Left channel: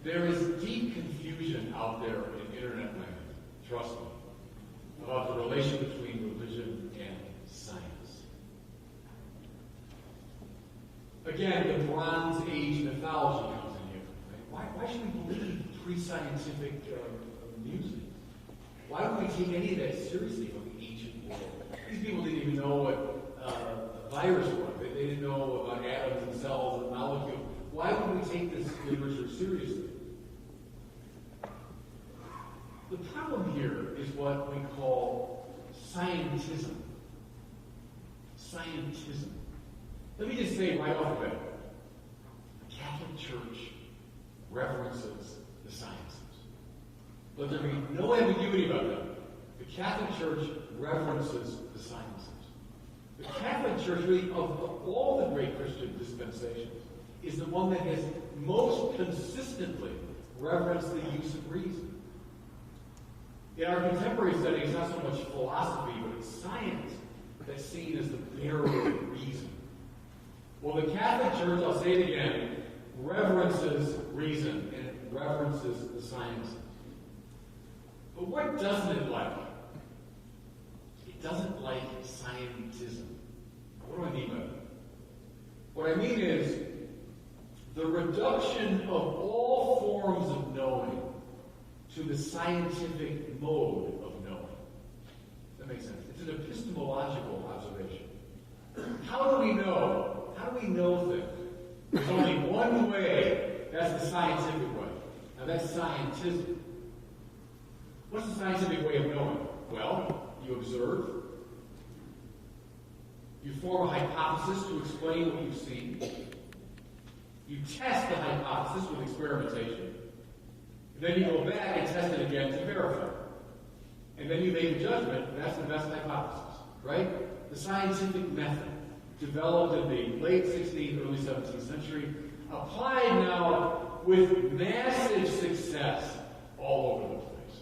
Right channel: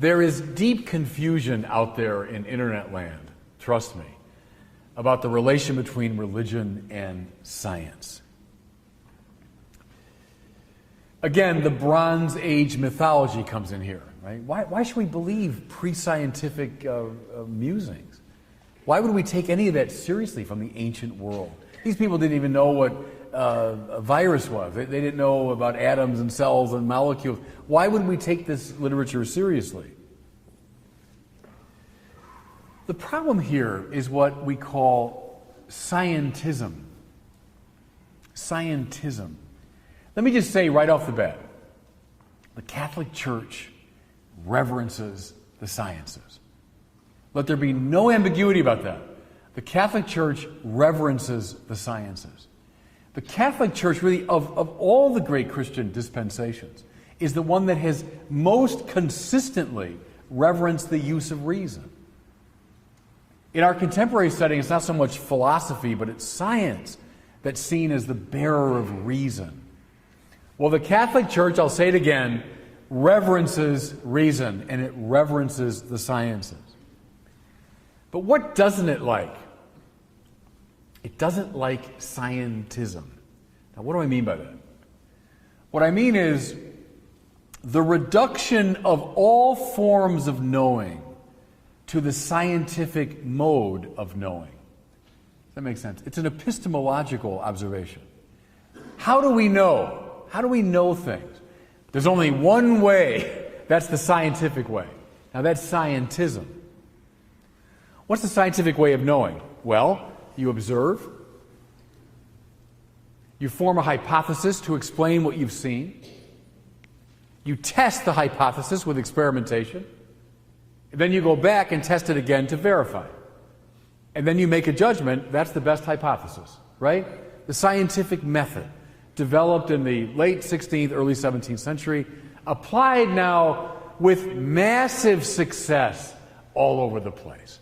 There is deep confusion out there in internet land, trust me, about the relation between religion and science. Again, the Bronze Age mythology comes in here, right? Why should we believe pre-scientific musings? Why would we take any of that seriously from the ancient world? These people didn't even know what a virus was. They didn't know about atoms and cells and molecules. Why would we take this literature seriously? The problem here is what we call scientism. Scientism. Let me just say right off the bat, the Catholic Church reverences the sciences. Let there be no ambiguity about that. The Catholic Church reverences the sciences. The Catholic Church, really, of all the great Christian dispensations, is the one that has most consistently reverenced the use of reason. In our contemporary setting, it's not so much philosophy, but it's science that's seen as the bearer of reason. Well, the Catholic Church, I'll say it again, reverences reason, and it reverences the sciences. But what doesn't it like? It doesn't like scientism. Now, what do I mean by that? What I mean is the reduction of all forms of knowing to the scientific mode of knowing. Does that make sense? It's an epistemological observation. How do we know? How do we know things? There's only one way. That's the scientific way. Now, that's scientism. What's the scientific way of knowing? Well, you observe. You form a hypothesis to explain what you've seen. You test the hypothesis with experimentation. And then you go back and test it again to verify. And then you make a judgment. That's the best hypothesis, right? The scientific method, developed in the late 16th, early 17th century, applied now with massive success all over the place.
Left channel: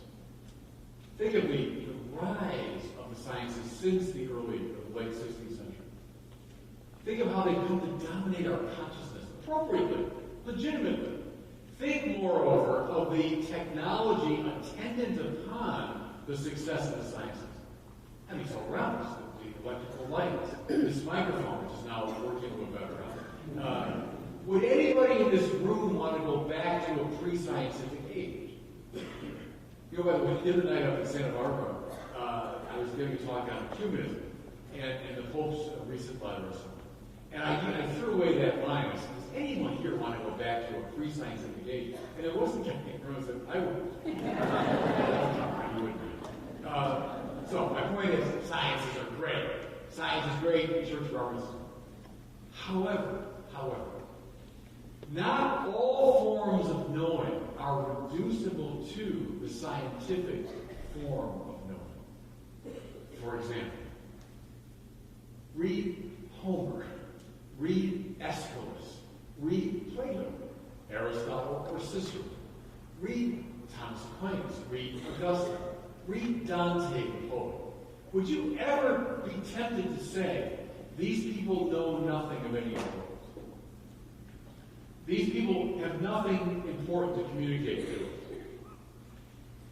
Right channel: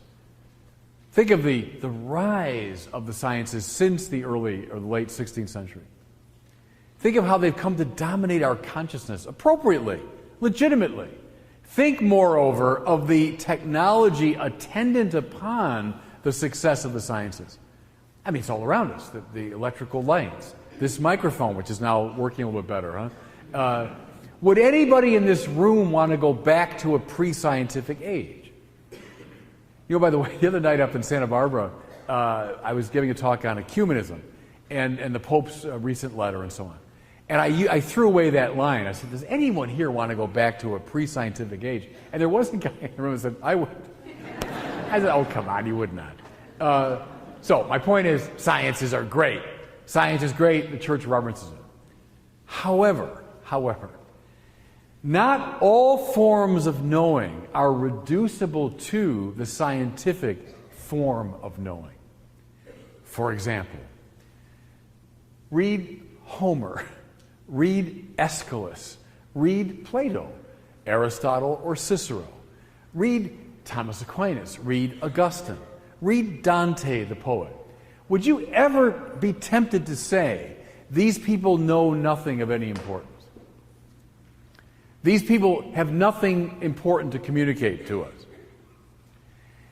Think of the rise of the sciences since the early or late 16th century. Think of how they've come to dominate our consciousness appropriately, legitimately. Think, moreover, of the technology attendant upon the success of the sciences. I mean, it's all around us. The electrical lights, this microphone, which is now working a little bit better, huh? Would anybody in this room want to go back to a pre-scientific age? You know, by the way, the other night up in Santa Barbara, I was giving a talk on ecumenism and the Pope's recent letter and so on. And I threw away that line. I said, does anyone here want to go back to a pre-scientific age? And there was a guy in the room who said, I would. I said, oh, come on, you would not. So my point is, sciences are great. Science is great, the church reverences it. However, not all forms of knowing are reducible to the scientific form of knowing. For example, read Homer, read Aeschylus, read Plato, Aristotle, or Cicero. Read Thomas Aquinas, read Augustine, read Dante the poet. Would you ever be tempted to say, these people know nothing of any importance? These people have nothing important to communicate to us.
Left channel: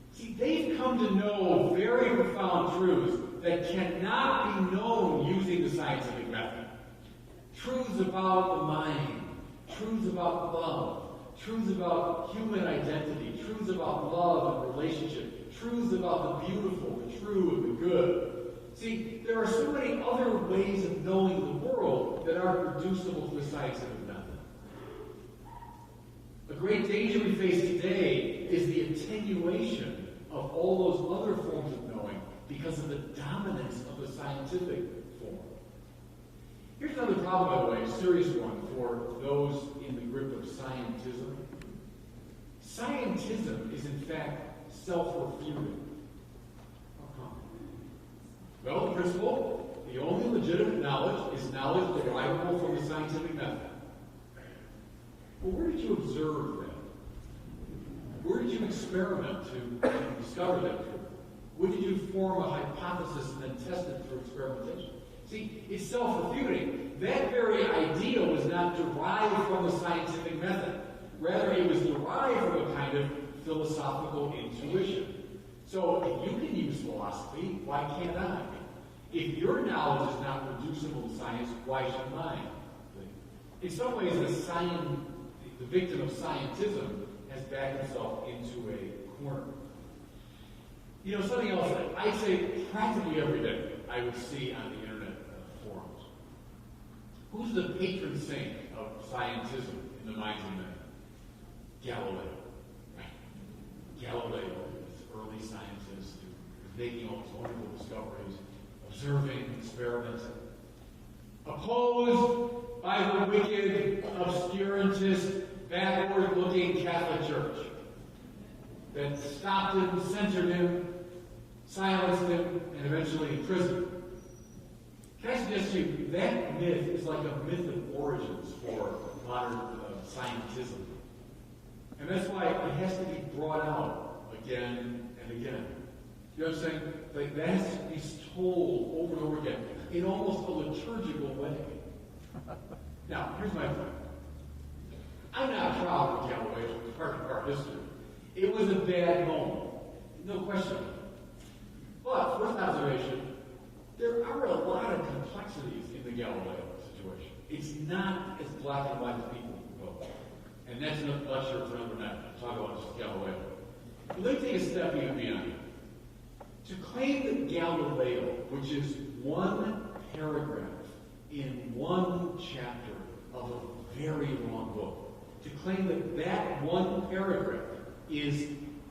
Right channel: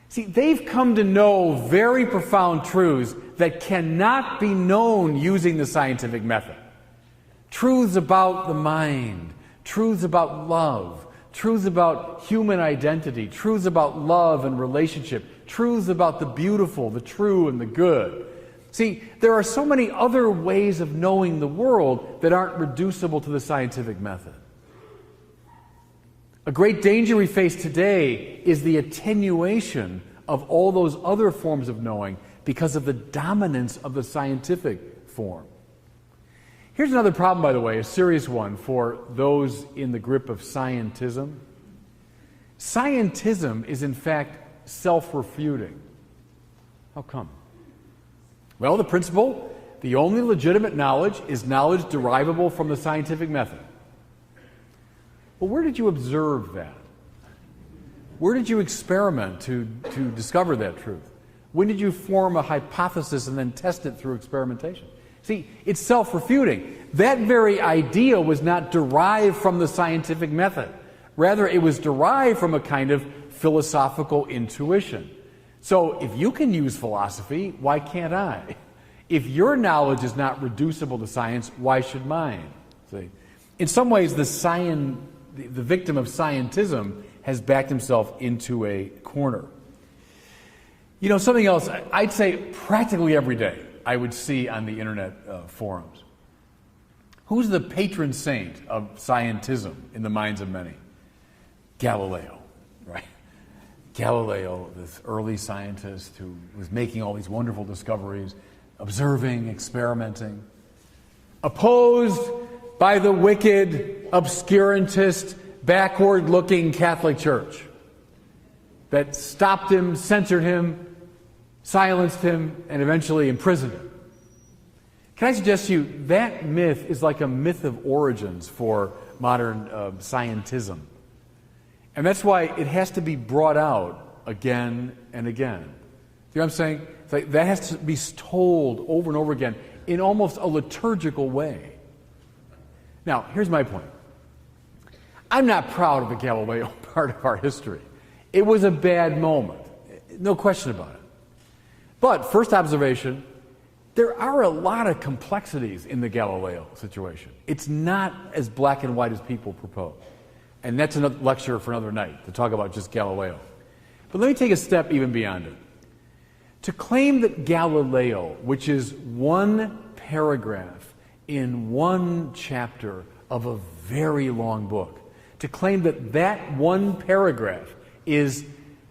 See, they've come to know very profound truths that cannot be known using the scientific method. Truths about the mind, truths about love, truths about human identity, truths about love and relationship, truths about the beautiful, the true, and the good. See, there are so many other ways of knowing the world that aren't reducible to the scientific method. A great danger we face today is the attenuation of all those other forms of knowing because of the dominance of the scientific form. Here's another problem, by the way, a serious one for those in the grip of scientism. Scientism is, in fact, self-refuting. How come? Well, the principle, the only legitimate knowledge is knowledge derivable from the scientific method. Well, where did you observe that? Where did you experiment to discover that truth? When did you form a hypothesis and then test it through experimentation? See, it's self-refuting. That very idea was not derived from the scientific method. Rather, it was derived from a kind of philosophical intuition. So if you can use philosophy, why can't I? If your knowledge is not reducible to science, why should mine? See? In some ways, the victim of scientism has backed himself into a corner. You know, something else, I'd say practically every day I would see on the internet forums. Who's the patron saint of scientism in the minds of many? Galileo, right? Galileo, this early scientist who was making all these wonderful discoveries, observing, experimenting, opposed by the wicked, obscurantist, backward-looking Catholic Church that stopped him, censored him, silenced him, and eventually imprisoned him. Can I suggest to you, that myth is like a myth of origins for modern scientism. And that's why it has to be brought out again and again. You know what I'm saying? It's like that has to be told over and over again in almost a liturgical way. Now, here's my point. I'm not proud of the Galileo part of our history. It was a bad moment. No question about it. But, first observation, there are a lot of complexities in the Galileo situation. It's not as black and white as people propose. And that's another lecture for another night, to talk about just Galileo. But let me take a step even beyond it. To claim that Galileo, which is one paragraph in one chapter of a very long book, to claim that that one paragraph is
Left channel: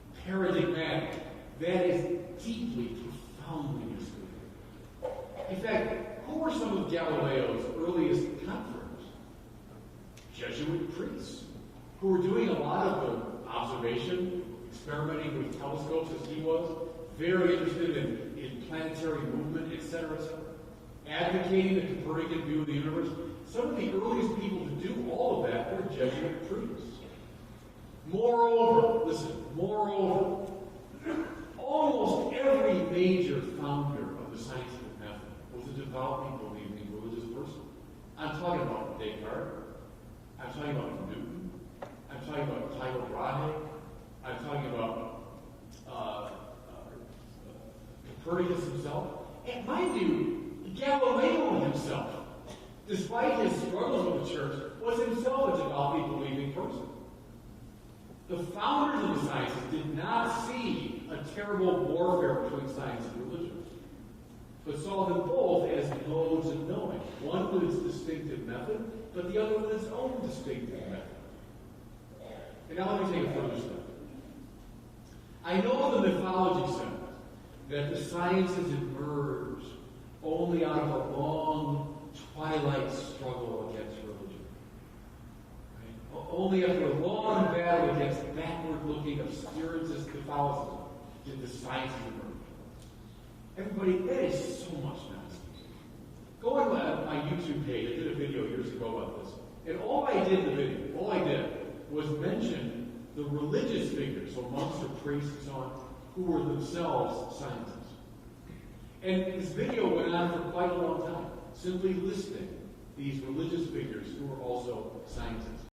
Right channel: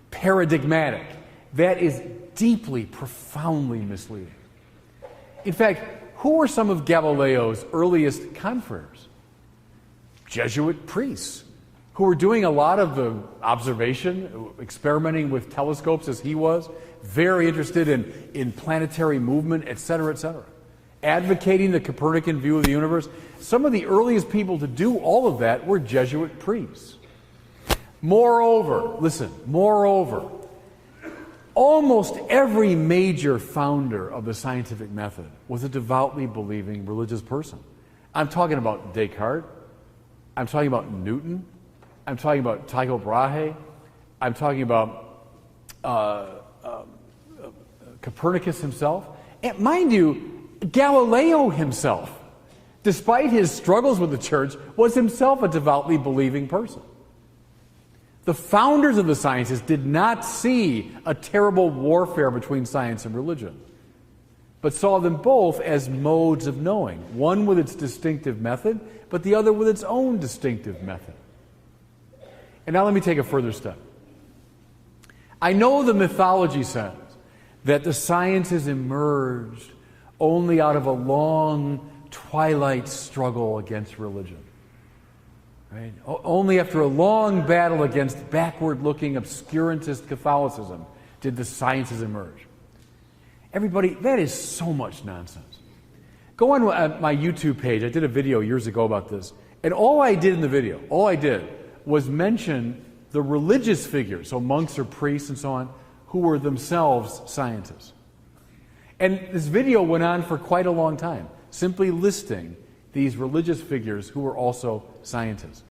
paradigmatic, that is deeply, profoundly misleading. In fact, who were some of Galileo's earliest confreres? Jesuit priests, who were doing a lot of the observation, experimenting with telescopes as he was, very interested in planetary movement, etc., etc., advocating the Copernican view of the universe. Some of the earliest people to do all of that were Jesuit priests. Moreover, listen, almost every major founder of the scientific method was a devoutly believing religious person. I'm talking about Descartes. I'm talking about Newton. I'm talking about Tycho Brahe. I'm talking about Copernicus himself. And mind you, Galileo himself, despite his struggles with the church, was himself a devoutly believing person. The founders of the sciences did not see a terrible warfare between science and religion, but saw them both as modes of knowing, one with its distinctive method, but the other with its own distinctive method. And now let me take a further step. I know the mythology says that the sciences emerged only out of a long twilight struggle against religion. Right? Only after a long battle against backward-looking obscurantist Catholicism did the sciences emerge. Everybody, that is so much nonsense. Go on my YouTube page. I did a video years ago about this. And all I did in the video, was mention the religious figures, so monks or priests and so on, who were themselves scientists. And this video went on for quite a long time, simply listing these religious figures who were also scientists.